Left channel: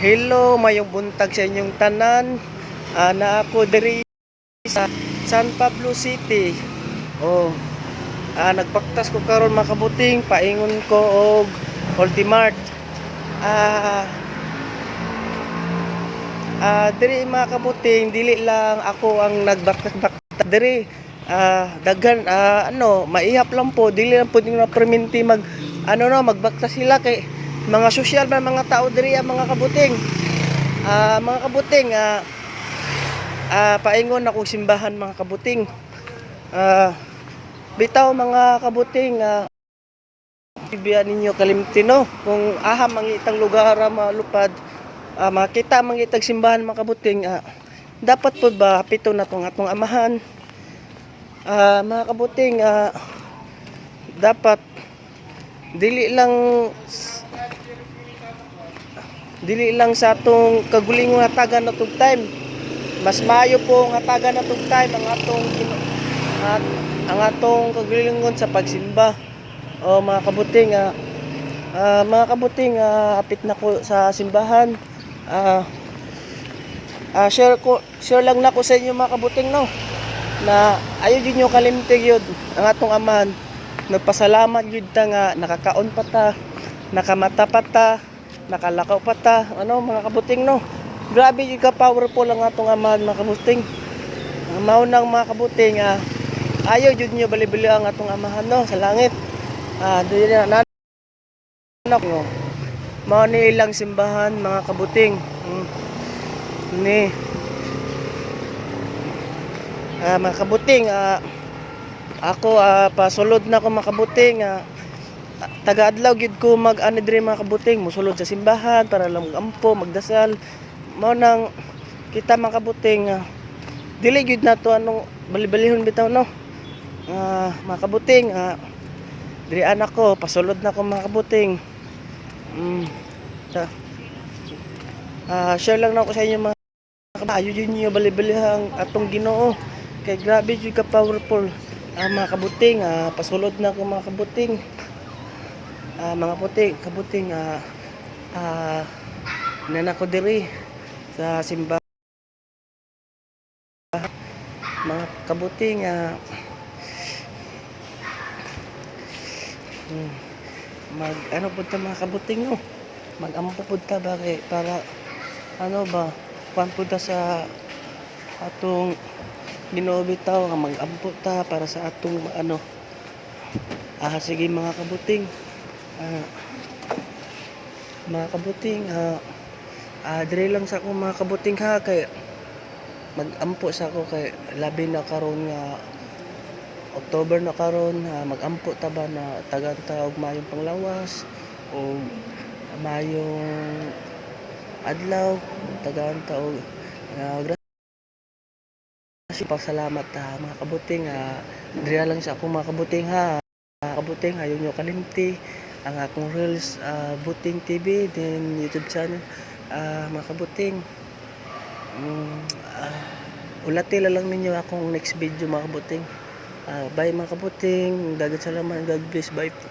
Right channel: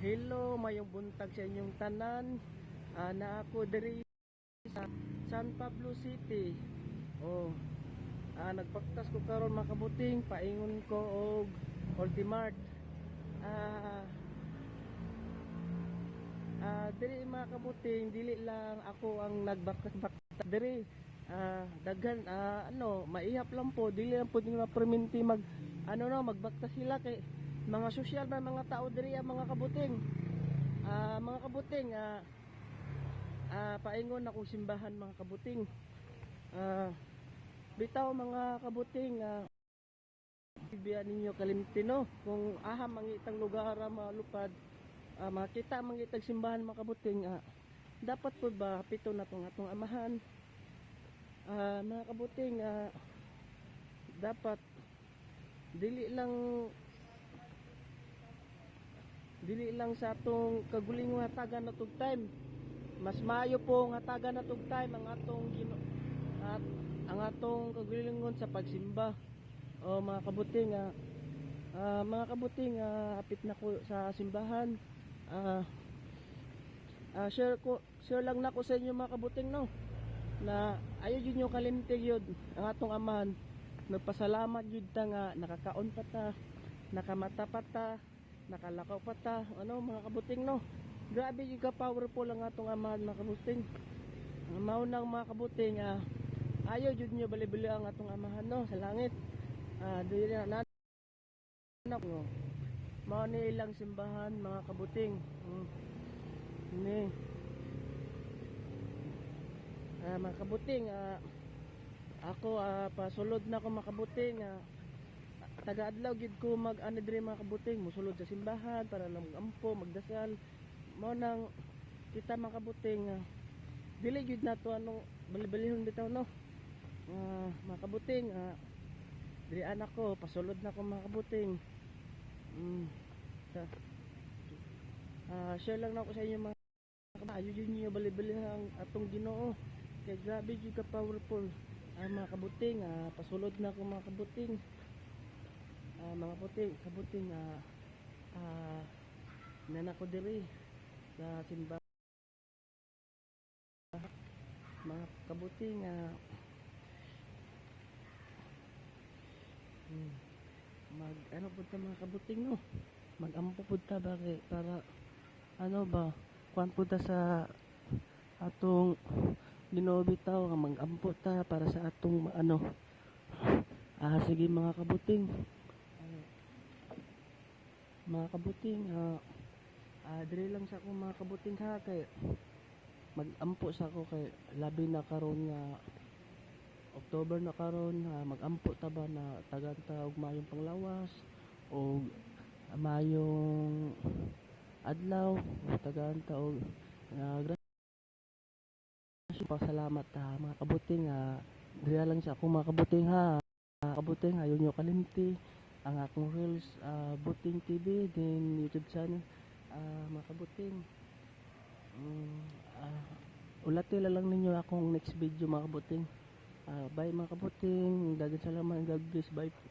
Hello, mayong buntag sa inyong tanan. Ah, na ako diri sa San Pablo City. Oh. Ah, nagpaktas ko karon makabuting paingon ko og Ultimart. Ah, ah diri makabuting dili lang ako ang nagbaktas-baktas diri. Ah, daghan ah, ano, maihap lang po, dili lang po na perminti mag ano no, magbaktas sila kay mga sosyal ba mga tao diri ang mga kabuting. Ah, mga kabuting ah ah paingon ako simbahan mga kabuting. Ah bitaw mga kabuting ah Ibiyan ninyo kalimtino kung aha mangitang lugar ah, malupad ah, makita mangitag simbahan mga kabuting ah, dapat po ba pito na tong atong amahan ah, mga kabuting ah, dapat dili lang dili lang sa atong kagulingon hatagan na tug time. Mas maayo po ang hatagan na tug time ang atong at ang atong kagulingon sa pagsimba. O mga kabuting ah, ah, mga kabuting ah, apit na ko sa simbahan. Ah ah, share ko share lang na ko sa inyo mga kabuting no? Na ayo jud nyo kalimtig yun ang atong amahan nagpasalamat jud ta nga nakakaon pa ta nakamata pa ta nakalakaw pa ta. Ano mga kabuting no? Grabe jud ka powerful ang atong amahan mga kabuting. Mao nang mga kabuting ah, ayaw jud nyo bali-bali ang atong amahan no? Sa langit. Ah dili na anak no mao ni ilang simbahan mga kabuting. Mm. ni. Ah mga kabuting ah ako ah pasulod na ako mga kabuting ah taga adlaw gid ko mag ano diri mga kabuting musulod sa simbahan para lang magampo magdasal. Mao nang kita mga kabuting ah, dili gid na to anong bali-balihon bitaw no? Ah mga kabuting ah diri anak ko pasulod na ko mga kabuting. Mm, ta, ah share lang na ako sa inyo mga kabuting. Ayo jud niyo bali-balihang atong Ginoo. Kay grabe jud ka powerful. Ah, mga kabuting ah, pasulod na ko mga kabuting ah, mga puting kabuting ah, ah, nana ko diri sa simba mga kabuting ah, hmm, mag ano po ta mga kabuting no mag ampo po ta ba kay para ano ba kuan po sa atong Ginoo bitaw nga mag-ampo ta para sa atong ano ah sige mga kabuting ah, mga kabuting ah, ah dire lang sa ako mga kabuting ha kay mag-ampo sa ako kay labi na karon nga October na karon ah, mag-ampo ta ba na tagan ta og mayong panglawas o mayong adlaw tagaan ta og ah, kasi pasalamat ta mga kabuting ah, diri lang sa ako mga kabuting ha. Kabuting ayaw nyo kalimti ang akong reels ah, buting TV then YouTube channel. Ah, mga kabuting mm, ah, ulati lang ninyo akong next video mga kabuting. Ah, bye mga kabuting. Dagat salamat God bless. Bye